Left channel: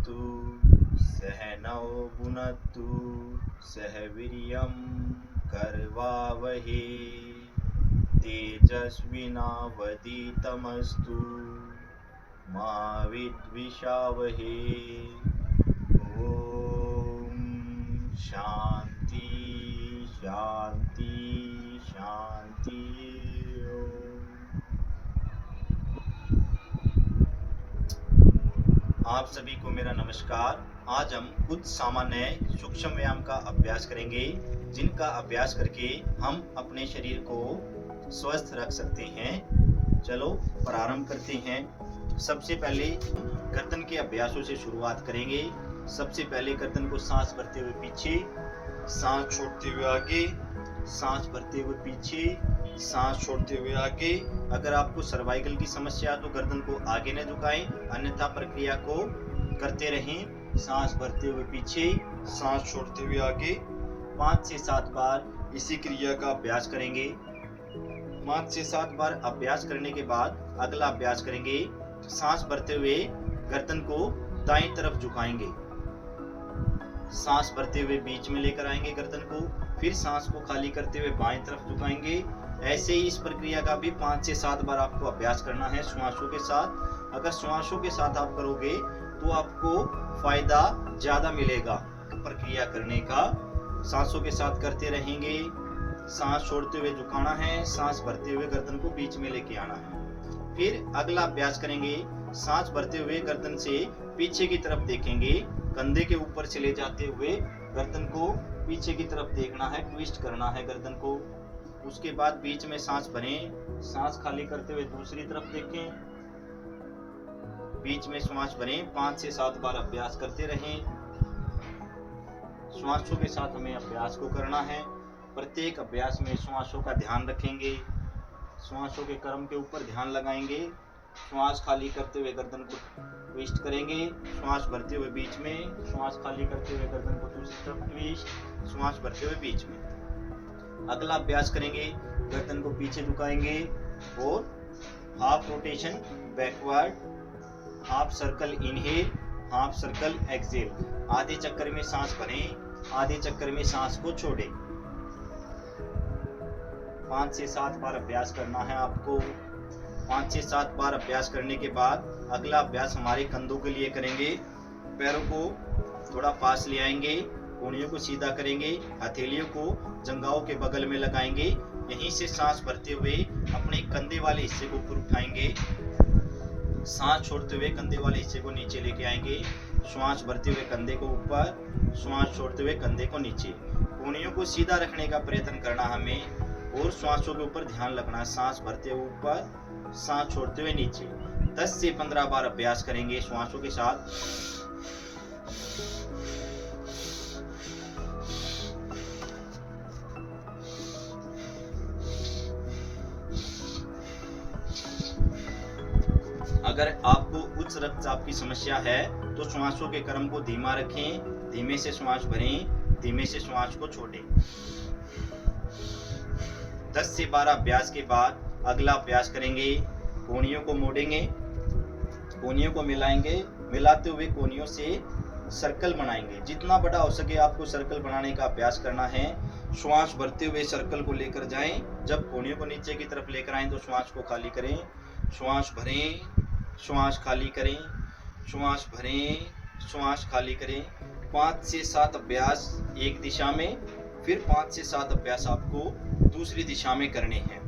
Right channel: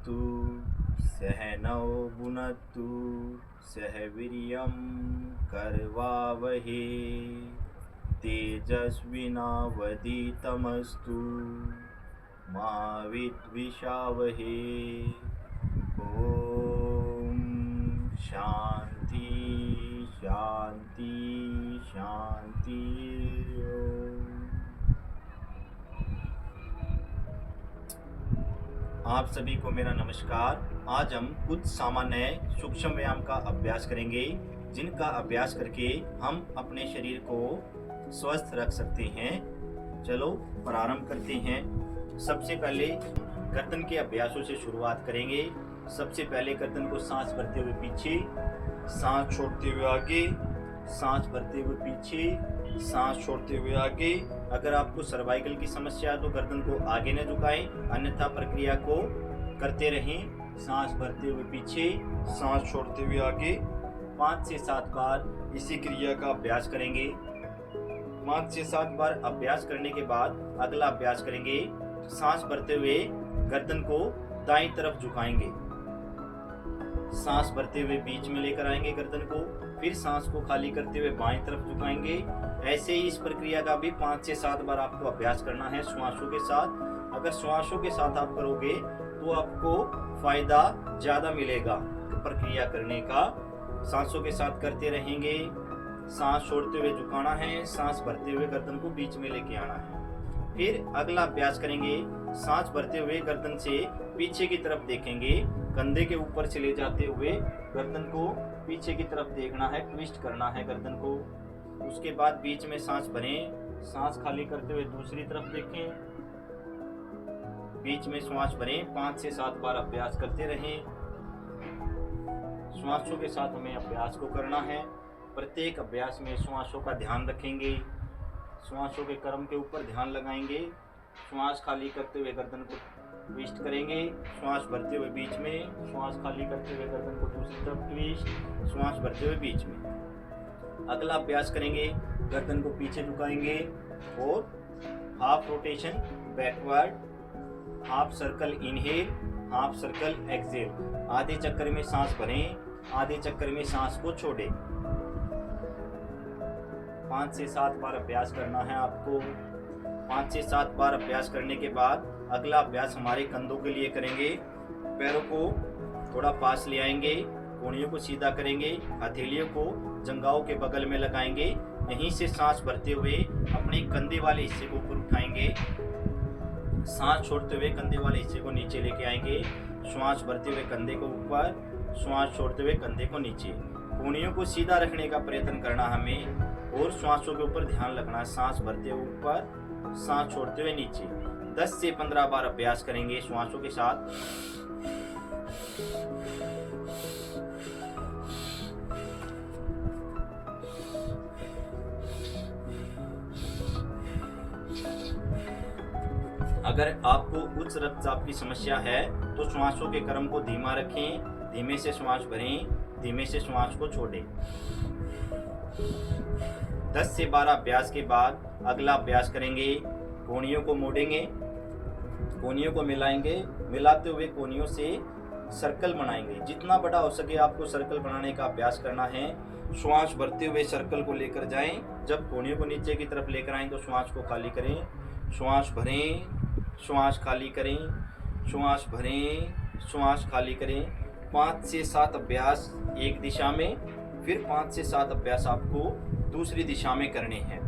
भवतु सहनौ भुनक्तु सह वीर्यं करवावहे तेजस्विनावधीतमस्तु मा विद्विषावहे। ओम शांति शांति शांति। आप सभी को मेरा नमस्कार। आज हम कुछ सामान्य सूक्ष्म व्यायाम का अभ्यास करेंगे जिनका अभ्यास करके हम अपने शरीर को स्वस्थ रख सकते हैं। चलो प्रारंभ करते हैं। सबसे पहले गर्दन के अभ्यासों से शुरुआत करेंगे। सबसे पहले गर्दन को सांस भरते हुए पीछे, सांस छोड़ते हुए आगे, सांस भरते हुए पीछे, सांस छोड़ते हुए आगे। अगर आपको सर्वाइकल की समस्या है तो गर्दन को आगे न झुकाएं, अन्यथा प्रक्रिया को करते रहें। सांस भरते हुए पीछे, सांस छोड़ते हुए आगे। 5 से 7 बार इसी क्रिया का अभ्यास करेंगे। 5 से 7 बार अभ्यास करने के बाद अगला अभ्यास करेंगे। सांस भरते हुए गर्दन को दाईं तरफ झुकाएंगे, सांस भरते हुए बीच में लेकर आएंगे गर्दन को, फिर सांस को खाली करते हुए बाएं तरफ झुकाएंगे। ऐसे ही इस प्रक्रिया का भी 5 से 7 बार आपको अभ्यास करना है श्वासों के साथ। अगर श्वासों के साथ आप करोगे तो आपको फायदा ज्यादा मिलेगा प्रक्रिया करने का। सांसों के साथ करते रहेंगे। सांस छोड़ते हुए झुकाना है, सांस भरते हुए गर्दन को बीच में लेके आना है। फिर अगला अभ्यास करेंगे। सांस भरते हुए गर्दन से पीछे की तरफ देखेंगे, कंधे के ऊपर से ले जाते हुए गर्दन को पीछे की तरफ देखना है, ट्विस्ट करना है गर्दन को। उसके बाद बीच में सांस भरें, सांस खाली करते हुए दूसरी तरफ देखें, बीच में श्वास भरें। 5 से 7 बार अभ्यास करते रहें। श्वासों के साथ हमें अभ्यास को करना है। प्रत्येक अभ्यास में श्वासों का ध्यान रखेंगे, श्वासों के क्रम के ऊपर ध्यान लगाएंगे। श्वास खाली करते हुए गर्दन को ट्विस्ट करेंगे, श्वास भरते हुए बीच में, श्वास खाली करते हुए गर्दन को दूसरी तरफ ट्विस्ट, श्वास भरते हुए बीच में। अगला अभ्यास करेंगे। गर्दन को पीछे झुकाएंगे और half rotation backward, half circle inhale, half circle exhale. आधे चक्कर में सांस भरें, आधे चक्कर में सांस को छोड़ें। 5 से 7 बार अभ्यास करना है आपको। 5 से 7 बार अभ्यास करने के बाद अगला अभ्यास हमारे कंधों के लिए करेंगे। पैरों को थोड़ा पास ले आएंगे, कोहनियों को सीधा करेंगे, हथेलियों को जंघाओं के बगल में लगाएंगे। यहीं से सांस भरते हुए अपने कंधे वाले हिस्से को ऊपर उठाएंगे, सांस छोड़ते हुए कंधे वाले हिस्से को नीचे लेके आएंगे। श्वास भरते हुए कंधे को ऊपर, श्वास छोड़ते हुए कंधे को नीचे। कोहनियों को सीधा रखने का प्रयत्न करना हमें और श्वासों के ऊपर ध्यान रखना। सांस भरते हुए ऊपर, सांस छोड़ते हुए नीचे। 10 से 15 बार अभ्यास करेंगे श्वासों के साथ। अगर आपको उच्च रक्तचाप की समस्या है तो श्वासों के क्रम को धीमा रखें, धीमे से श्वास भरें, धीमे से श्वास को छोड़ें। 10 से 12 अभ्यास के बाद अगला अभ्यास करेंगे। कोहनियों को मोड़ेंगे, कोहनियों को मिलाएंगे, मिलाते हुए कोहनियों से सर्कल बनाएंगे। जितना बड़ा हो सके आपको सर्कल बनाने का अभ्यास करना है। श्वास भरते हुए सर्कल को लेकर जाएं। जब कोहनियों को नीचे की तरफ लेकर आएं तो श्वास को खाली करें, श्वास भरें, श्वास खाली करें, श्वास भरें, श्वास खाली करें। 5 से 7 अभ्यास एक दिशा में, फिर 5 से 7 अभ्यास आपको दूसरी दिशा में करने हैं।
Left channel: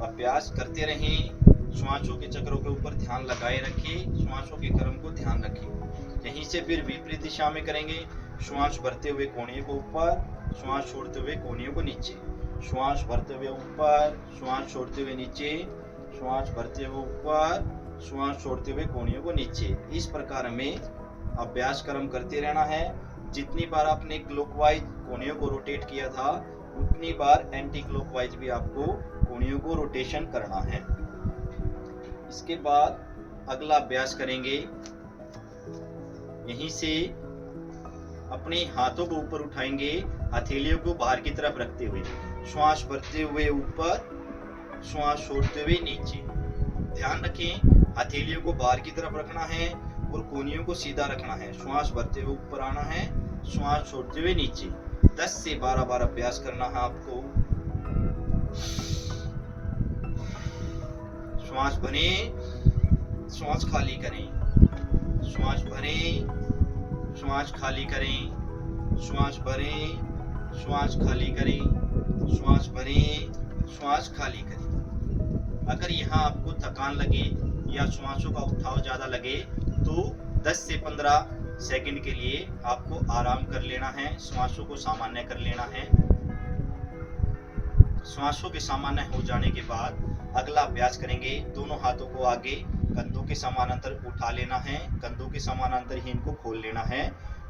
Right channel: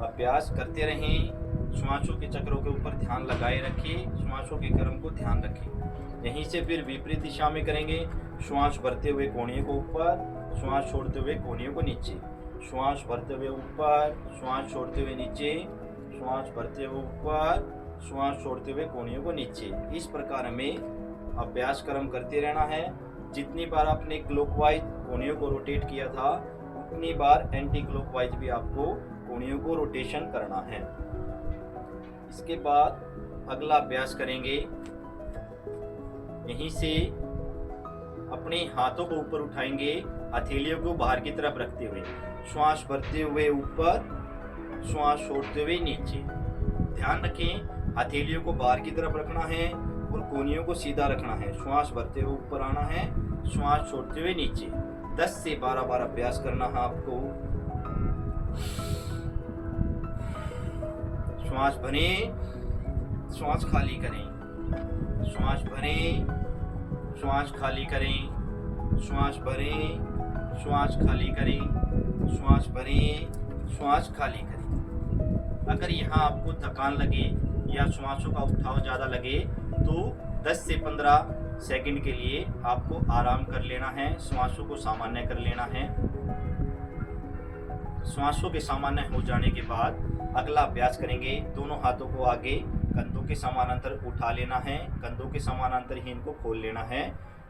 अभ्यास करते रहें। श्वासों के चक्रों के ऊपर ध्यान लगाए रखिए, श्वासों के क्रम को ध्यान रखें। यहीं से फिर विपरीत दिशा में करेंगे। श्वास भरते हुए कोहनियों को ऊपर, श्वास छोड़ते हुए कोहनियों को नीचे। श्वास भरते हुए ऊपर, श्वास छोड़ते हुए नीचे, श्वास भरते हुए ऊपर, श्वास छोड़ते हुए कोहनियों को नीचे। इस प्रकार हमें अभ्यास क्रम करते रहना है। जितनी बार आपने क्लॉकवाइज कोहनियों को रोटेट किया था उतनी बार एंटी क्लॉकवाइज भी आपको कोहनियों को रोटेशन करना है। इसके बाद अगला अभ्यास करेंगे। यहीं से अपने हाथों को ऊपर उठाएंगे, हथेलियों को बाहर की तरफ रखते हुए, श्वास भरते हुए ऊपर, श्वास छोड़ते हुए नीचे। ध्यान रखें हथेलियों को बाहर की तरफ रखना है और कोहनियों को सीधा रखना है। श्वास भरते हुए ऊपर आना है, श्वास छोड़ते हुए नीचे। 10 से 12 बार अभ्यास करना है आपको। श्वास भरें, श्वास खाली करें, श्वास भरें, श्वास खाली करें, श्वास भरें, श्वास खाली करें, श्वास भरें, श्वास खाली करें। अगर यहाँ आपको थकान लगे या श्वासों का उठाव ज़्यादा लगे तो 10 से 15 सेकंड के लिए आपको आराम कर लेना है, श्वासों को सामान्य कर लेना है। श्वासों के सामान्य हो जाने के बाद अगला अभ्यास करेंगे। दोनों हाथों को आगे कंधों के समानांतर उठा लेना है, कंधों के समानांतर ही इनको खोल लेना है।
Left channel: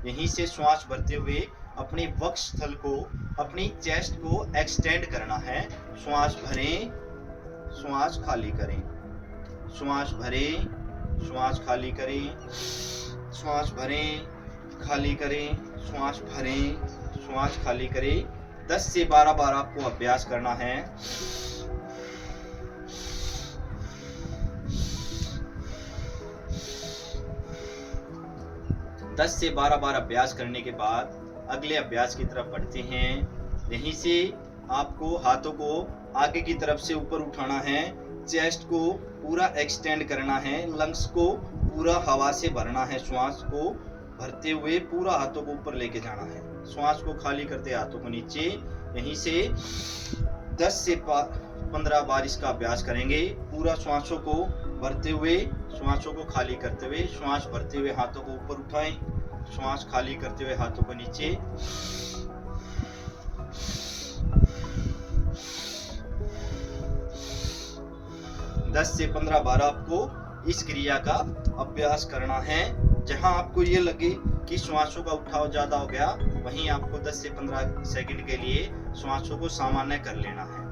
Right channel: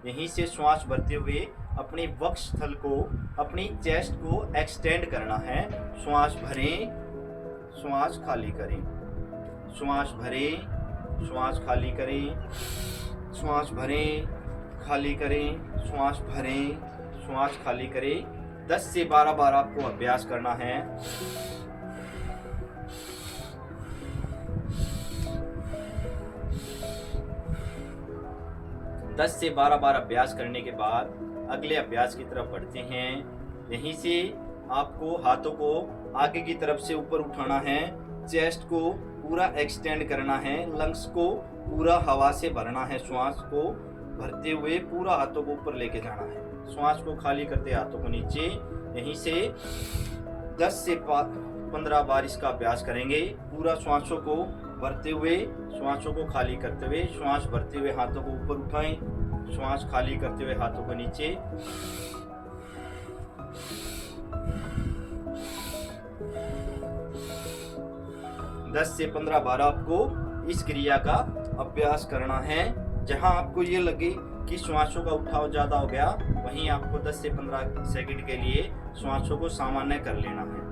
यहीं से श्वास भरते हुए अपने वक्षस्थल को, अपनी चेस्ट को एक्सटेंड करना है। श्वास भरें, श्वास खाली करें, श्वास भरें, श्वास खाली करें, श्वास भरें, खाली करें, श्वास भरें, श्वास खाली करें। 10 से 12 बार आपको अभ्यास करना है। दस से 12 बार अभ्यास करने के बाद अगले अभ्यास की तरफ बढ़ते हैं। यहीं से आपको हाथों को आगे की तरफ से ऊपर उठाना है, चेस्ट को पूरा एक्सटेंड करना है, लंग्स को पूरा हवा से भरना है। श्वास को भरते हुए पूरा हाथों को ऊपर लेके जाना है, श्वास को खाली करते हाथों को नीचे। यहीं से 10 से 15 बार इसका अभ्यास करेंगे। पूरा श्वासों को भरते हुए, श्वासों को खाली करते हुए, श्वास भरते हुए हाथों को ऊपर उठाएं, श्वास खाली करते हुए हाथों को नीचे। दस से 15 बार आपको इस क्रिया का अभ्यास करना है। जहां आपको ये लगे कि श्वासों का उठाव ज्यादा हो गया, वहीं आपको 10 से 15 सेकंड के लिए श्वासों को सामान्य कर लेना है।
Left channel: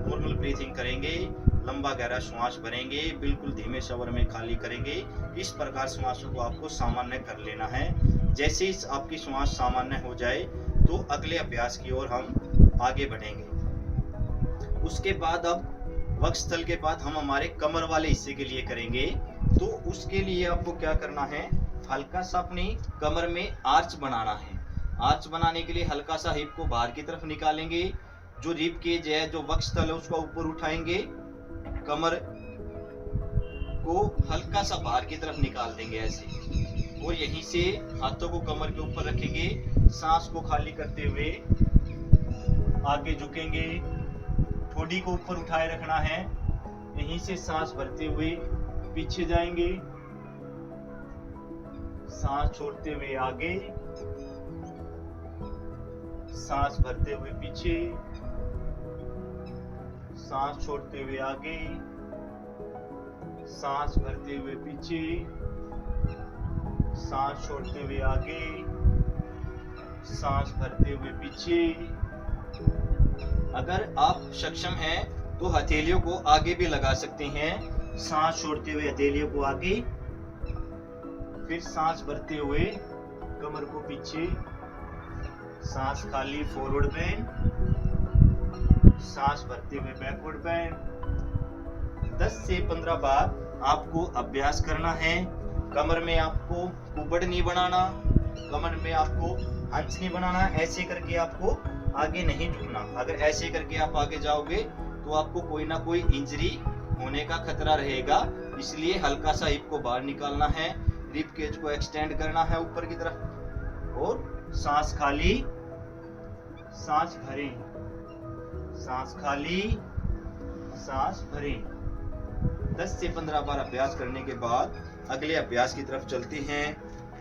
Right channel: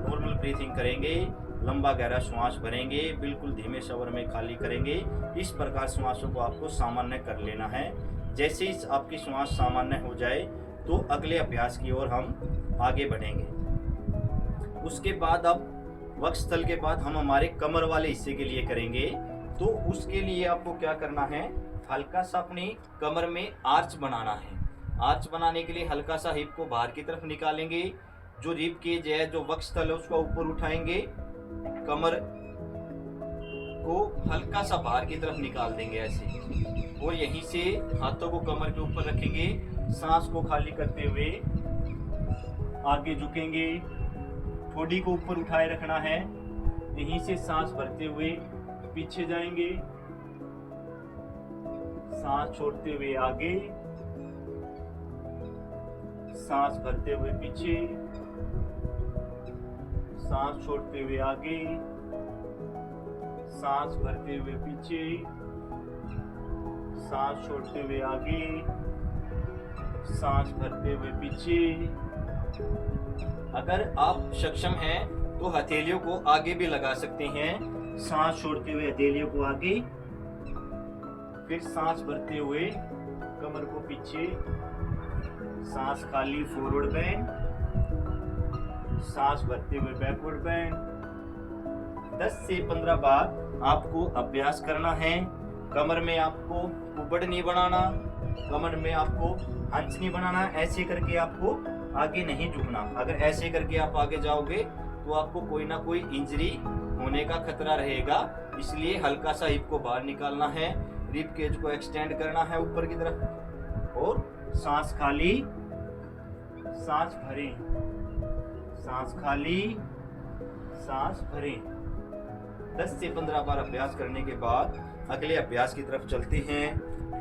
नॉर्मल ब्रीथिंग करेंगे, लंबा गहरा श्वास भरेंगे, बिल्कुल धीमे स्वर में खाली करेंगे। इस प्रकार श्वासों को आपको सामान्य कर लेना है। जैसे ही आपकी श्वास सामान्य हो जाए तो अगले अभ्यास की ओर हम आगे बढ़ेंगे। उसके बाद अब वक्षस्थल के बाद हम हमारे कमर वाले हिस्से के लिए करेंगे। तो उसके लिए आपको क्या करना है, हल्का सा अपनी कमर में आर्च बनाना है। आर्च बनाने के लिए हल्का सा हिप को बाहर की तरफ निकालेंगे। जो रिब केज है, जो वक्षस्थल है, उसको ऊपर उठाएंगे, कमर को हल्का सा बाहर की तरफ निकाल देंगे ऐसे, और यहीं से हाथों को कमर के ऊपर रखेंगे। सांस को खाली करते हुए आगे झुकेंगे, ठोड़ी को ऊपर उठाए रखना है। यहीं से सांस भरते हुए पीछे जाएंगे, सांस छोड़ते हुए आगे, सांस भरते हुए पीछे, सांस छोड़ते हुए आगे, सांस भरते हुए पीछे, सांस छोड़ते हुए आगे, सांस भरते हुए पीछे। अगर आप सक्षम हैं तो हथेलियों को आगे भी लगा सकते हैं। सांस छोड़ते हुए हथेलियों को आगे, फिर सांस भरते हुए कमर को पीछे, सांस खाली फॉरवर्ड बेंड, सांस भरते हुए बैकवर्ड बेंड। 10 से 15 बार आपको अभ्यास करना है। कमर में आपको कुबड़ नहीं बनाना, कमर में आपको हंस नहीं बनाना। ऐसे करके आपको आगे नहीं झुकना। अगर ऐसे करके आप आगे जाओगे तो आपको कोई ना कोई इंजरी होने का खतरा रहेगा। इसलिए हल्का सा हिप को बाहर निकालना है, रिब केज को एक्सटेंड करना है ऊपर की तरफ, और सांस खाली, सांस भरें, सांस खाली, सांस भरें। 10 से 15 बार अभ्यास करने के बाद अगले अभ्यास की तरफ चलते हैं।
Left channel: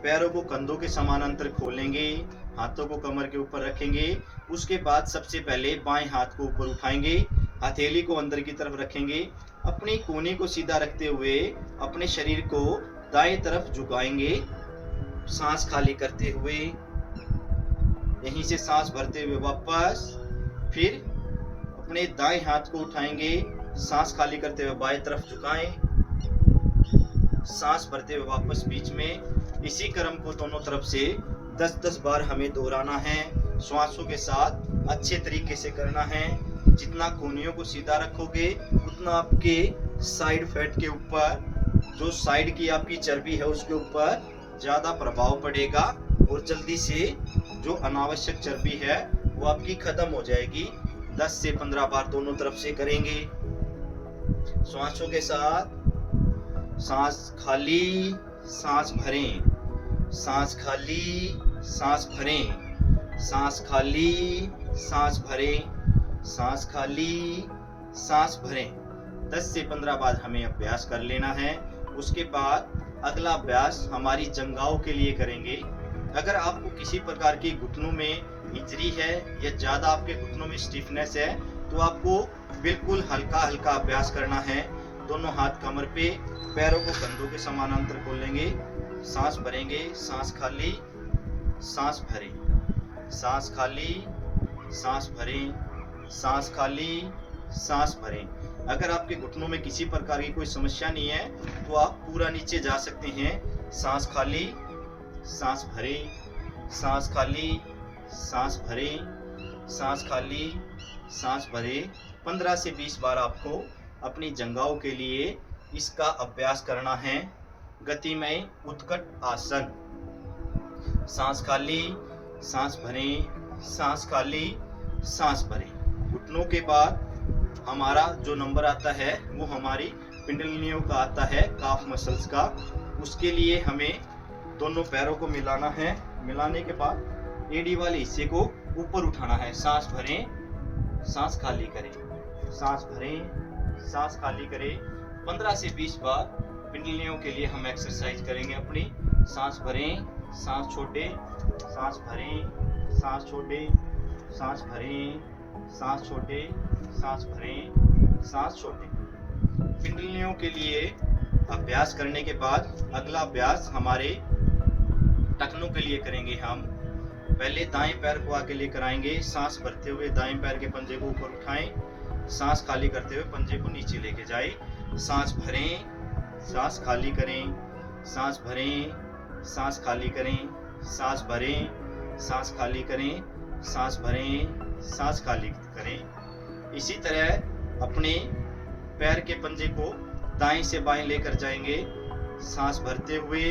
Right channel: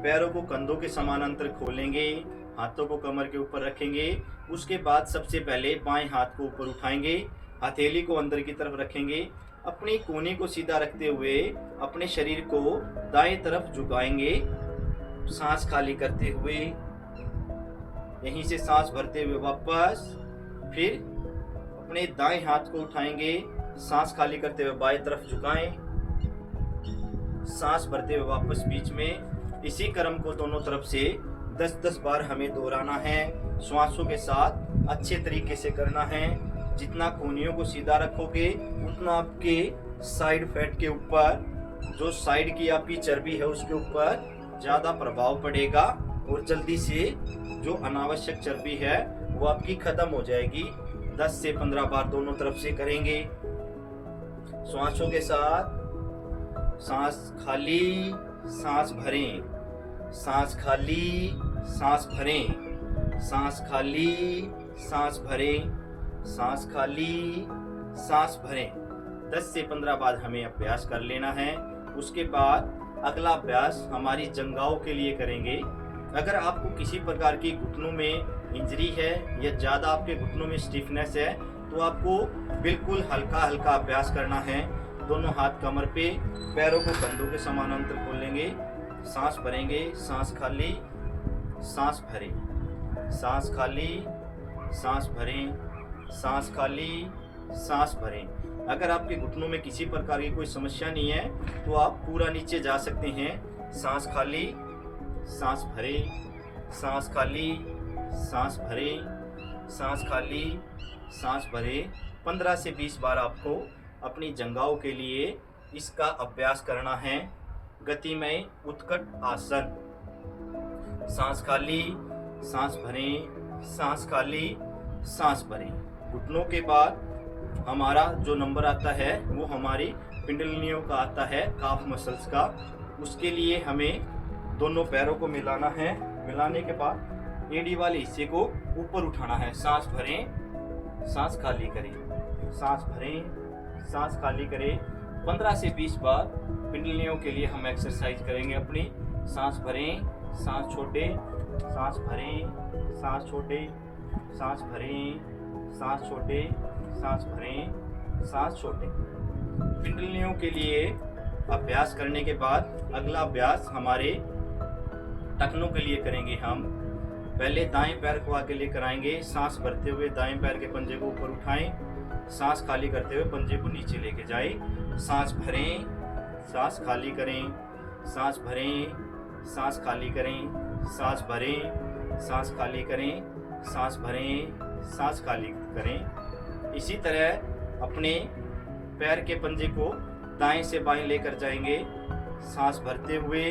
पैरों को कंधों के समानांतर खोलेंगे, हाथों को कमर के ऊपर रखेंगे। उसके बाद सबसे पहले बाएं हाथ को ऊपर उठाएंगे, हथेली को अंदर की तरफ रखेंगे। अपनी कोहनी को सीधा रखते हुए अपने शरीर को दाएं तरफ झुकाएंगे, सांस खाली करते हुए। यहीं से सांस भरते हुए वापस, फिर अपने दाएं हाथ को उठाएंगे, सांस खाली करते हुए बाएं तरफ झुकाएं, सांस भरते हुए वापस बीच में। इसी क्रम को दोनों तरफ से 10-10 बार हमें दोहराना है। श्वासों के साथ अच्छे तरीके से करना है। जितना कोहनियों को सीधा रखोगे उतना आपके साइड फैट के ऊपर जो साइड की आपकी चर्बी है उसके ऊपर ज़्यादा प्रभाव पड़ेगा और जल्दी से जो अनावश्यक चर्बी है वो आपकी खत्म हो जाएगी। 10 से 15 बार दोनों तरफ से करेंगे। श्वासों के साथ सांस खाली, सांस भरें, सांस खाली, सांस भरें, सांस खाली, सांस भरें, सांस खाली, सांस भरें। 10 से 15 बार हमें अभ्यास कर लेना है। उसके बाद अगला अभ्यास हमारी जंघाओं के लिए करेंगे। अगर आपको किसी प्रकार की घुटनों में इंजरी है या ज़्यादा आपके घुटनों में स्टिफनेस है तो आपको बिल्कुल हल्का हल्का अभ्यास करना है। दोनों हाथ कमर पे, पैरों को कंधों के समानांतर खोलेंगे, सांस भरेंगे, सांस खाली, सांस भरें, सांस खाली, सांस भरें, सांस खाली, सांस भरें। अगर आपके घुटनों में किसी प्रकार की कोई समस्या नहीं है तो आप पूरा नीचे जा सकते हैं। सांस खाली, सांस भरें, सांस खाली, सांस भरें, सांस खाली, सांस भरें। 15 से 20 बार आपको अपनी जंघाओं के लिए इसका अभ्यास करना है। गतिमय उत्कट आसन। सांस खाली, सांस भरें, सांस खाली, सांस भरें। घुटनों के बाद हमारा जो नंबर आता है वो हमारी पिंडलियों का आता है, काफ मसल्स का। उसके लिए हमें दोनों पैरों को मिलाना है। मिलाने के बाद एड़ी वाले हिस्से को ऊपर उठाना है। सांस भरें, सांस खाली करें, सांस भरें, सांस खाली करें। 15 से 20 बार पिंडलियों के लिए हम एक्सरसाइज करेंगे अपनी। सांस भरें, सांस छोड़ें, सांस भरें, सांस छोड़ें, सांस भरें, सांस छोड़ें, सांस भरें, सांस छोड़ें। पिंडलियों के लिए अभ्यास करने के बाद अगला अभ्यास हमारे टखनों के लिए करेंगे हम। पहले दाएं पैर को आगे लेकर आएंगे। सांस भरते हुए दाएं पैर के पंजे को ऊपर उठाएं। सांस खाली करते हुए पंजे को नीचे लेके जाएं। सांस भरें, सांस खाली करें, सांस भरें, सांस खाली करें, सांस भरें, सांस खाली करें, सांस भरें, सांस खाली करें। इसी तरह अपने पैर के पंजे को दाएं से बाएं लेकर जाएंगे। सांस भरते हुए,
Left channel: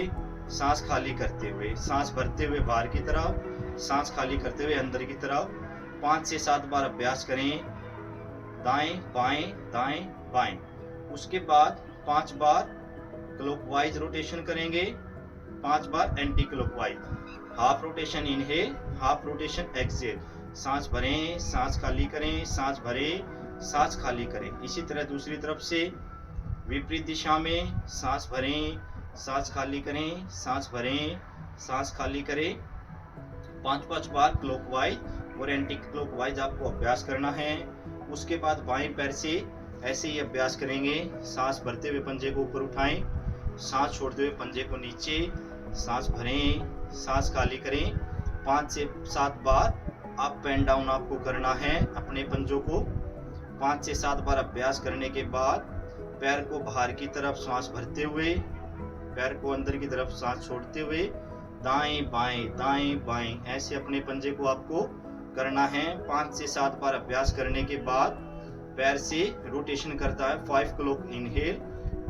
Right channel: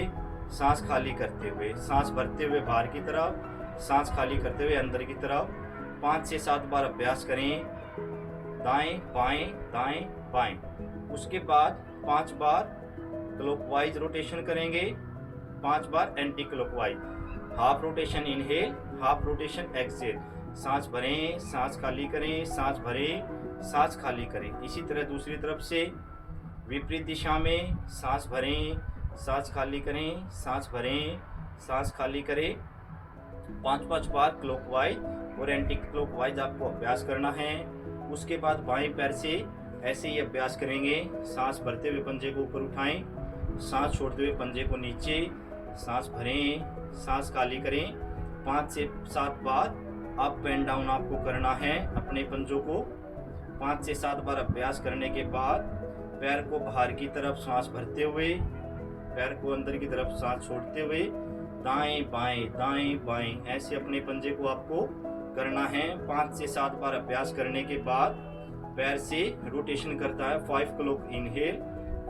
सांस खाली करते हुए, सांस भरते हुए बाहर की तरफ, सांस खाली करते हुए अंदर की तरफ। 5 से 7 बार अभ्यास करें। दाएं बाएं, दाएं बाएं। उसके बाद 5 बार क्लॉकवाइज रोटेशन करेंगे, 5 बार anti clockwise. Half rotation inhale, half rotation exhale. सांस भरें, सांस खाली करें, सांस भरें, सांस खाली करें। इसी तरह दूसरी तरफ से विपरीत दिशा में सांस भरें, सांस खाली करें, सांस भरें, सांस खाली करें। 5-5 बार क्लॉकवाइज और एंटी क्लॉकवाइज आपको अभ्यास करना है। उसके बाद बाएं पैर से ऐसे ही अभ्यास करेंगे। सांस भरते हुए पंजे को ऊपर उठाएं, सांस छोड़ते हुए पंजे को नीचे, सांस भरें, सांस खाली करें। 5 से 7 बार अप एंड डाउन आपको करना है अपने पंजों को। 5 से 7 बार अभ्यास करने के बाद पैर को बाहर की तरफ सांस भरते हुए, पैर को अंदर की तरफ सांस छोड़ते हुए दाएं बाएं, दाएं बाएं ऐसे अपने पंजे को आपको करना है। 5 से 7 बार अभ्यास करने के बाद पैर से रोटेशन करता है। 5 क्लॉक इनहेल,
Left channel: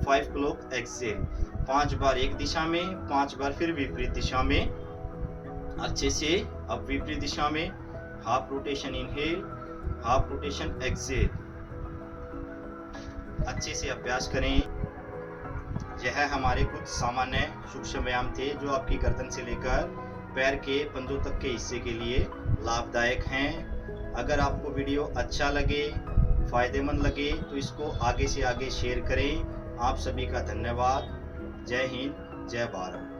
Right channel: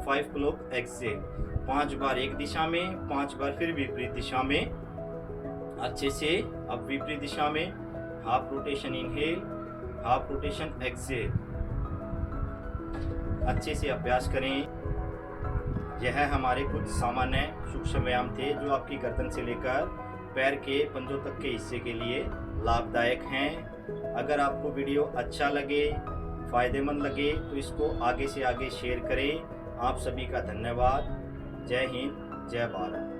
5 क्लॉक एक्सहेल। 5 बार एक दिशा में, 5 बार फिर विपरीत दिशा में। अच्छे से अब विपरीत दिशा में half rotation inhale, half rotation exhale. अच्छे से अभ्यास करें। यह हमारे कुछ सामान्य सूक्ष्म व्यायाम थे जो आपकी गर्दन से लेकर पैर के पंजों तक के हिस्से के लिए लाभदायक हैं। अगर आपको वीडियो अच्छा लगे, फायदेमंद लगे तो इसको आगे से आगे शेयर करें। आप सभी का धन्यवाद। जय हिंद, जय भारत।